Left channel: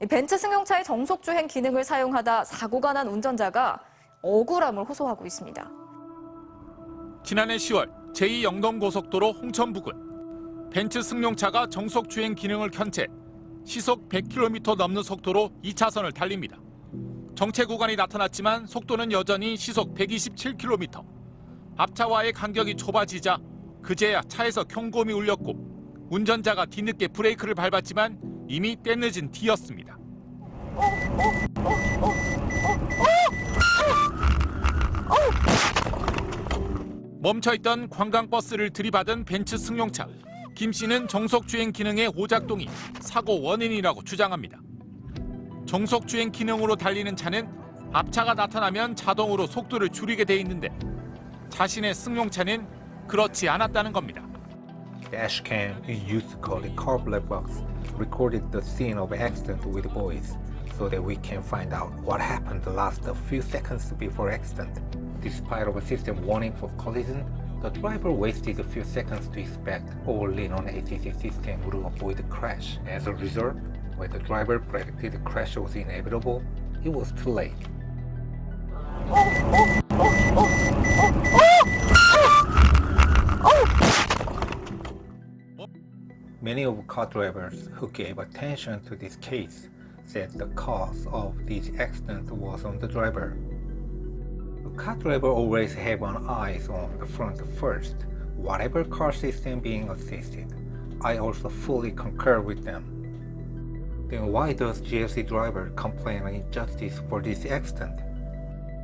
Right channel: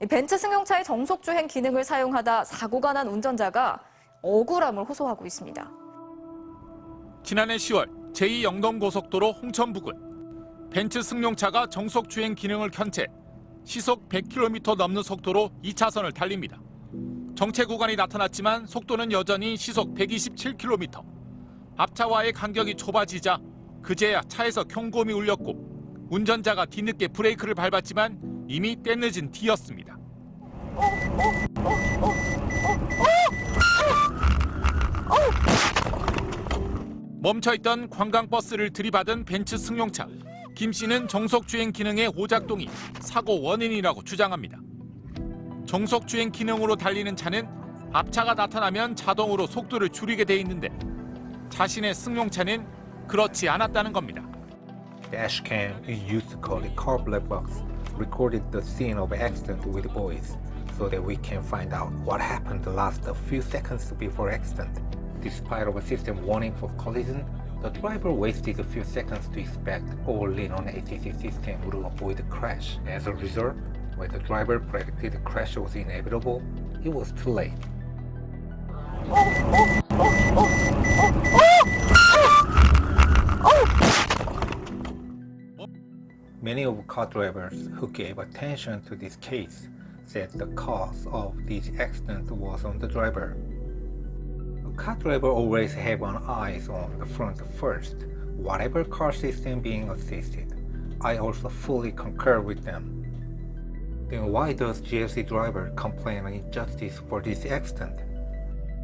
이 벤츠 승용차의 정속주행 기능을 사용하다 사고가 난 운전자가 억울함을 호소하고 있습니다. 지난해 10월 제2영동고속도로 홍천 부근 벤츠 승용차가 정속주행 기능을 켠 채 시속 100km 넘는 속도로 2차선을 달립니다. 정체 구간이 나타났지만 속도는 여전히 시속 127km. 앞차와의 간격이 좁아지자 그제야 차에서 경고음이 울렸고 운전자가 뒤늦게 브레이크를 밟았지만 이미 때늦은 뒤였습니다. 멈춰있던 관광버스를 들이받은 벤츠 승용차. 김 씨는 정속주행 기능의 오작동이 사고 원인이라고 주장합니다. 정속주행 기능으로 달리는 차는 앞차가 나타나면 자동으로 속도를 줄이게 돼 있는데 자신의 승용차는 그렇지 않았다는 겁니다. Dashcam is used to call the car black box, recorded the scene of accident with voice, so that we can find out what happened the last few seconds before accident. Despite of a system warning for collision, the driver wasted a few seconds to expect or lean on ACC system would avoid the crash. As a result, when the driver predicted the crash was inevitable, it was too late. Many of car drivers who gave attention to this case said the cause of this accident was on the driver. A car driver always have an eyes on the front first, whatever car system being assisted. I also fully concur with them. Then why does GLC driver complain of injustice for this accident?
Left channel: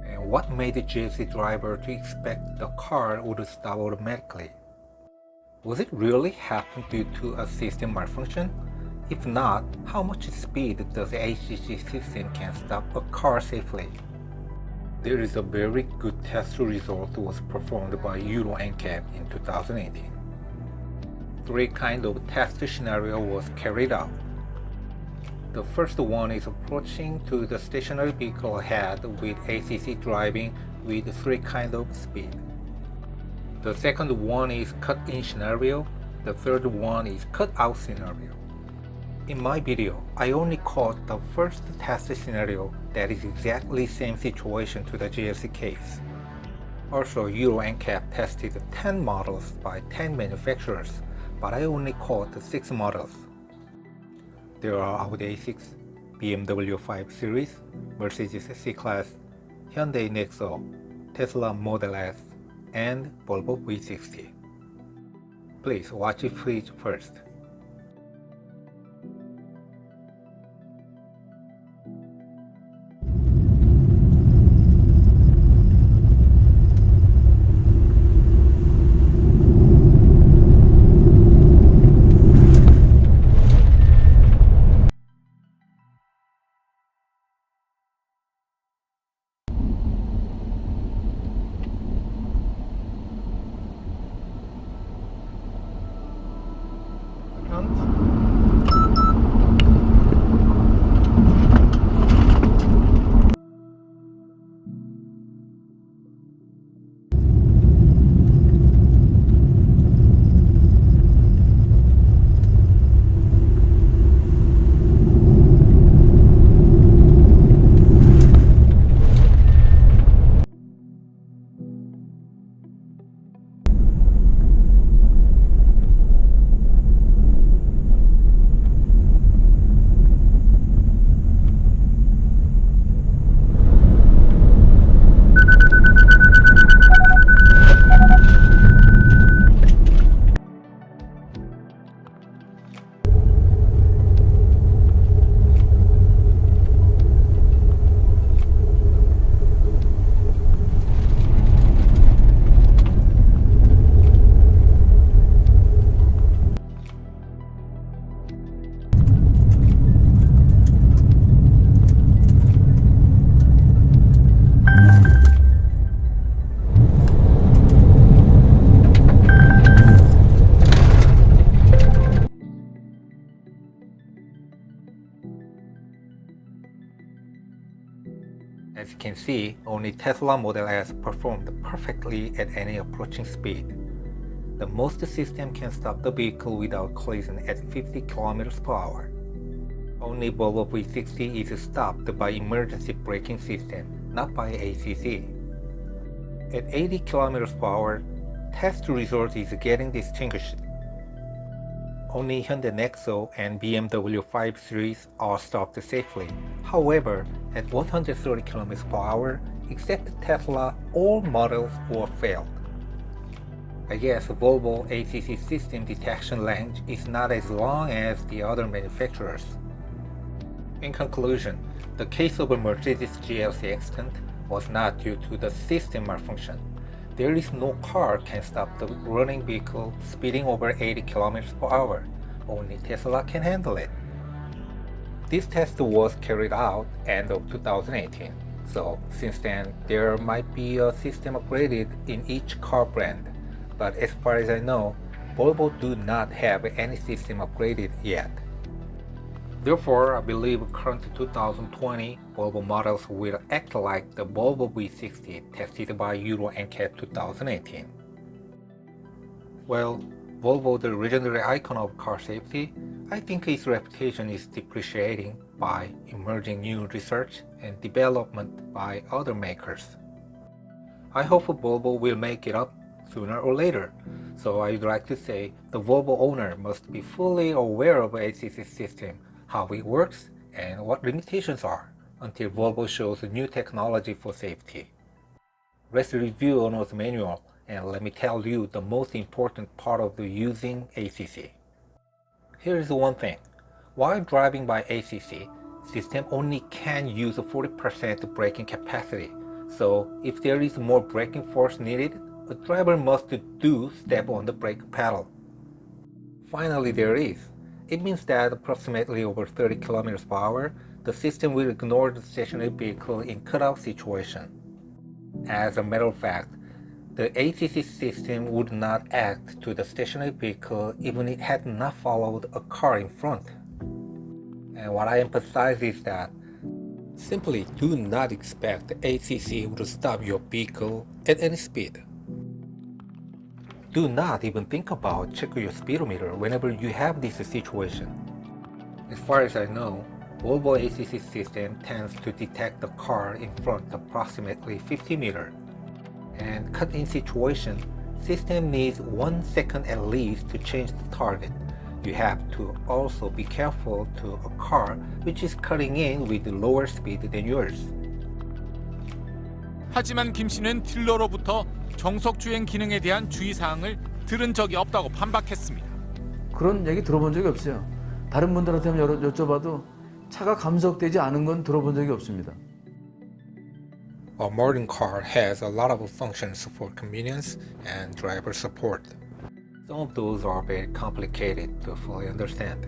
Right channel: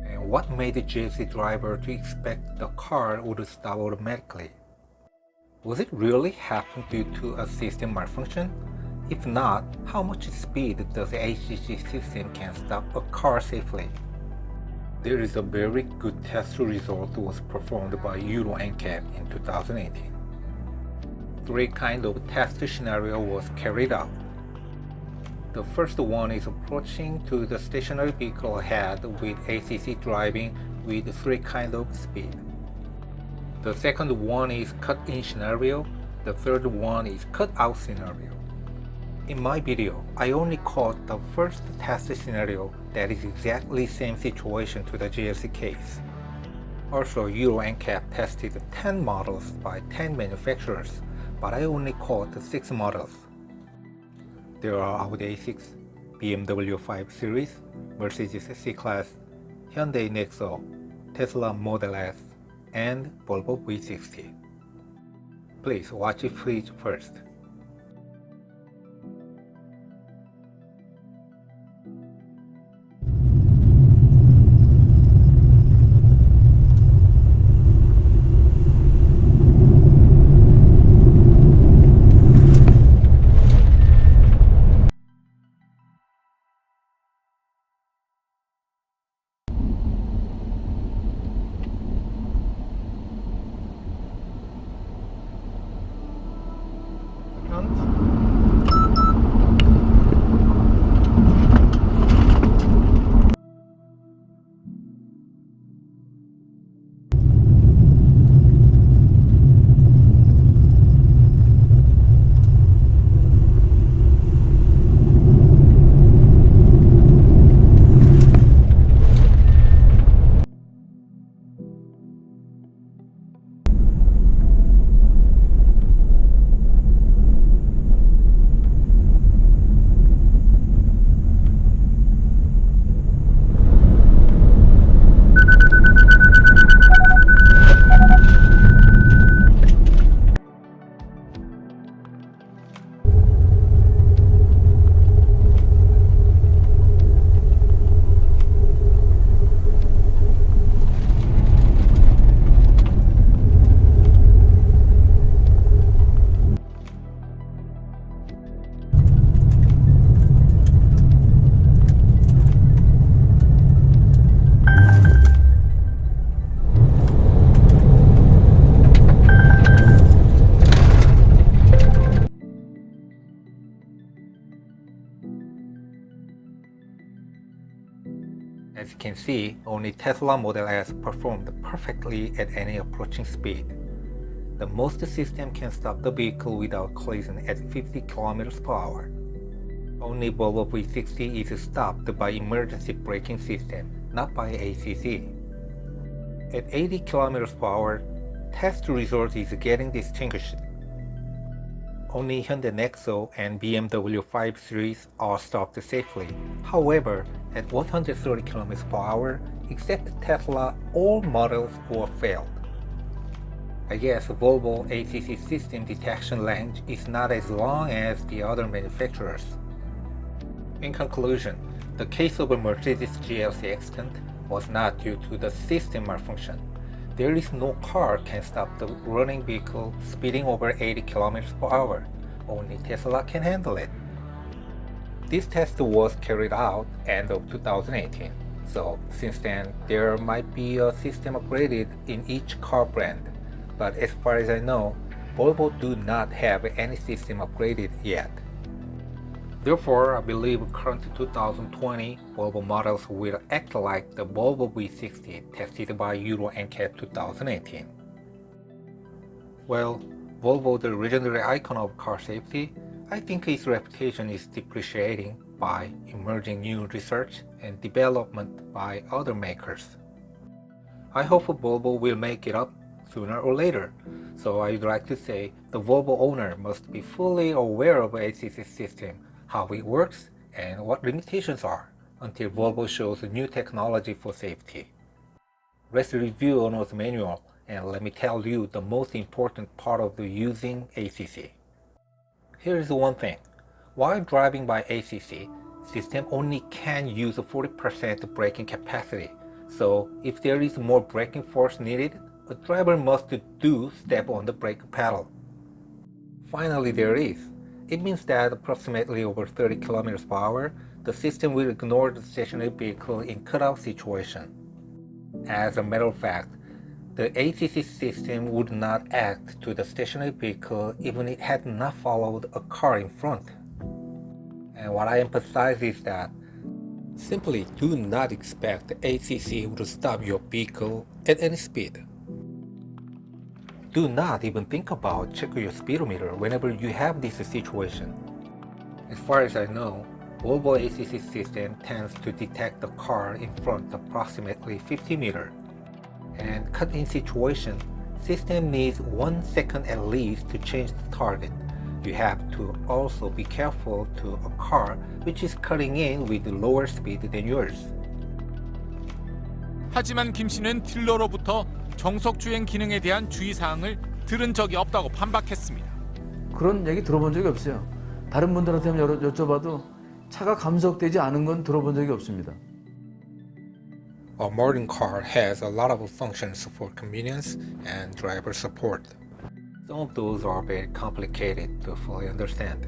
And what made the GLC driver to expect the car would stop automatically? Was it really happen due to a system malfunction? If not, how much speed does the ACC system can stop a car safely? There is a very good test result was performed by Euro NCAP in 2018. 3 kinds of test scenario was carried out. The first one is approaching to the stationary vehicle ahead with ACC driving with 3 kinds of speed. The second one is cut-in scenario. The third one is cut-out scenario. In my video, I only caught the first test scenario that is exactly same situation to the GLC case. Also, Euro NCAP tested 10 models by 10 manufacturers, but I only caught 6 models. There are Audi A6, BMW 5 Series, Mercedes C-Class, Hyundai NEXO, Tesla Model S, and Volvo V60. Please watch it first. As you can see, only Tesla Model S performed perfectly at any approaching speed. The most system can stop the vehicle without collision at 50 km per hour. Only Volvo V60 is stopped by emergency braking system, not by ACC. At 80 km per hour, test result is getting distinguished. Only Hyundai NEXO and BMW 5 Series are stopped safely. However, at 130 km per hour, except Tesla, all models were failed. I guess Volvo ACC system detection range is not as long as the other manufacturers. In conclusion, the case of a Mercedes GLC accident was not due to the system malfunction. There is no car can stop the running vehicle speeding over 80 km per hour. Only Tesla can handle it. This test was carried out end of 2018. So since then, there might be a system upgraded in each car brand. But as far as I know, Volvo do not have any system upgraded yet. Therefore, I believe current 2020 Volvo models will act like the Volvo V60 tested by Euro NCAP 2018. Well, Volvo, the legendary icon of car safety, I think its reputation is depreciating by emerging new research and development by other makers. I hope Volvo will make it up sooner or later. So I'd like to say the Volvo owner must be fully aware of ACC system, how it works, and what limitations are until Volvo shows new technology for safety. Let's review owner's manual and let me tell you the most important part of using ACC. Here is one thing. While driving by ACC, system only can use 40% braking capacity. So if there is more braking force needed, a driver must do step on the brake pedal. Finally, there is. It means that approximately over 30 km per hour, the system will ignore the stationary vehicle in cutout situation. As a matter of fact, the ACC system would not act to the stationary vehicle even if it had not followed a car in front. And what I emphasize is that simply do not expect the ACC to stop your vehicle at any speed. Do not even think about checking your speedometer whenever you have this situation. As far as I know, Volvo ACC system tends to detect the car in front approximately 50 meters. And cut-in situation, system needs 1 second at least to change the target. You have to also be careful to a car which is cutting in with lower speed than yours. 하지만 김 씨는 딜러로부터 정속 주행 기능에 대한 주의사항을 들은 적이 없다고 반박했습니다. 그런 얘기 들어본 적이 없어요. 다른 분들한테 한번 여쭤봐도 차가 감속되지 않은 건 들어본 적이 없습니다. A modern car has a lot of functions for convenience and driver support. Some of those are very complicated to fully understand.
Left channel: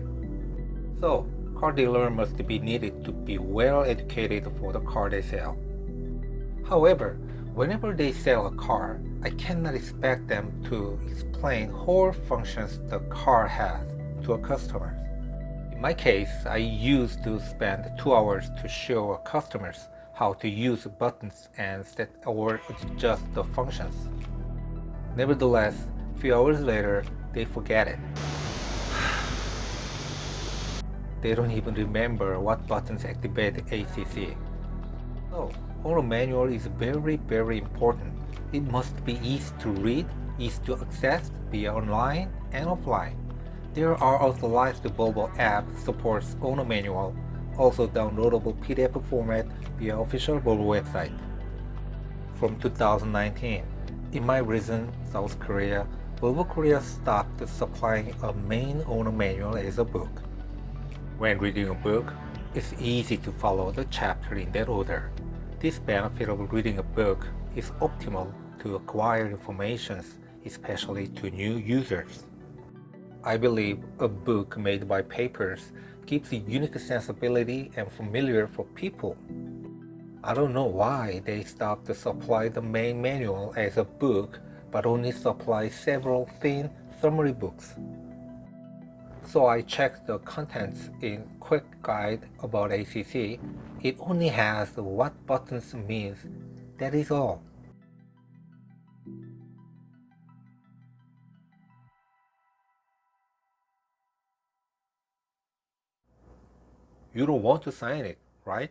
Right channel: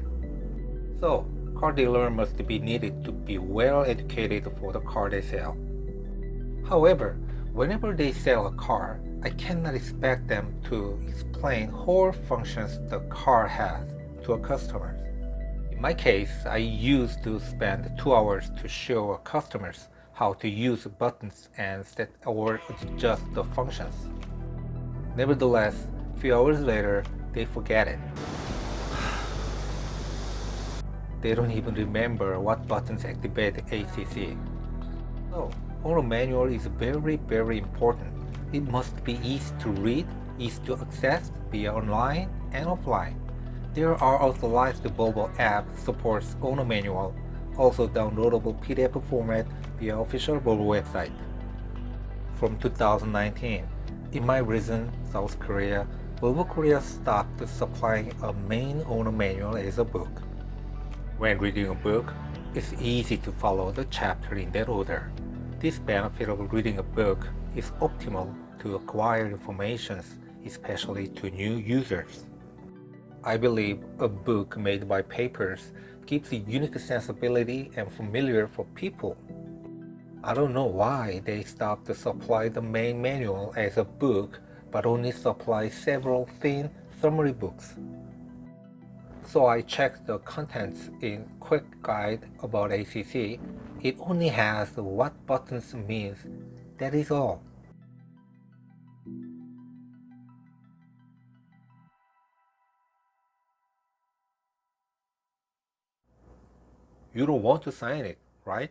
So, car dealer must be needed to be well educated for the car they sell. However, whenever they sell a car, I cannot expect them to explain whole functions the car has to a customer. In my case, I used to spend 2 hours to show customers how to use buttons and set or adjust the functions. Nevertheless, few hours later, they forget it. They don't even remember what buttons activate ACC. So, owner manual is very important. It must be easy to read, easy to access via online and offline. There are authorized Volvo app supports owner manual, also downloadable PDF format via official Volvo website. From 2019, in my region, South Korea, Volvo Korea stopped supplying a main owner manual as a book. When reading a book, it's easy to follow the chapter in that order. This benefit of reading a book is optimal to acquire information, especially to new users. I believe a book made by papers gives a unique sensibility and familiar for people. I don't know why they stopped to supply the main manual as a book but only supply several thin summary books. So I checked the contents in quick guide about ACC. It only has what buttons means. That is all. you don't want to sign it, right?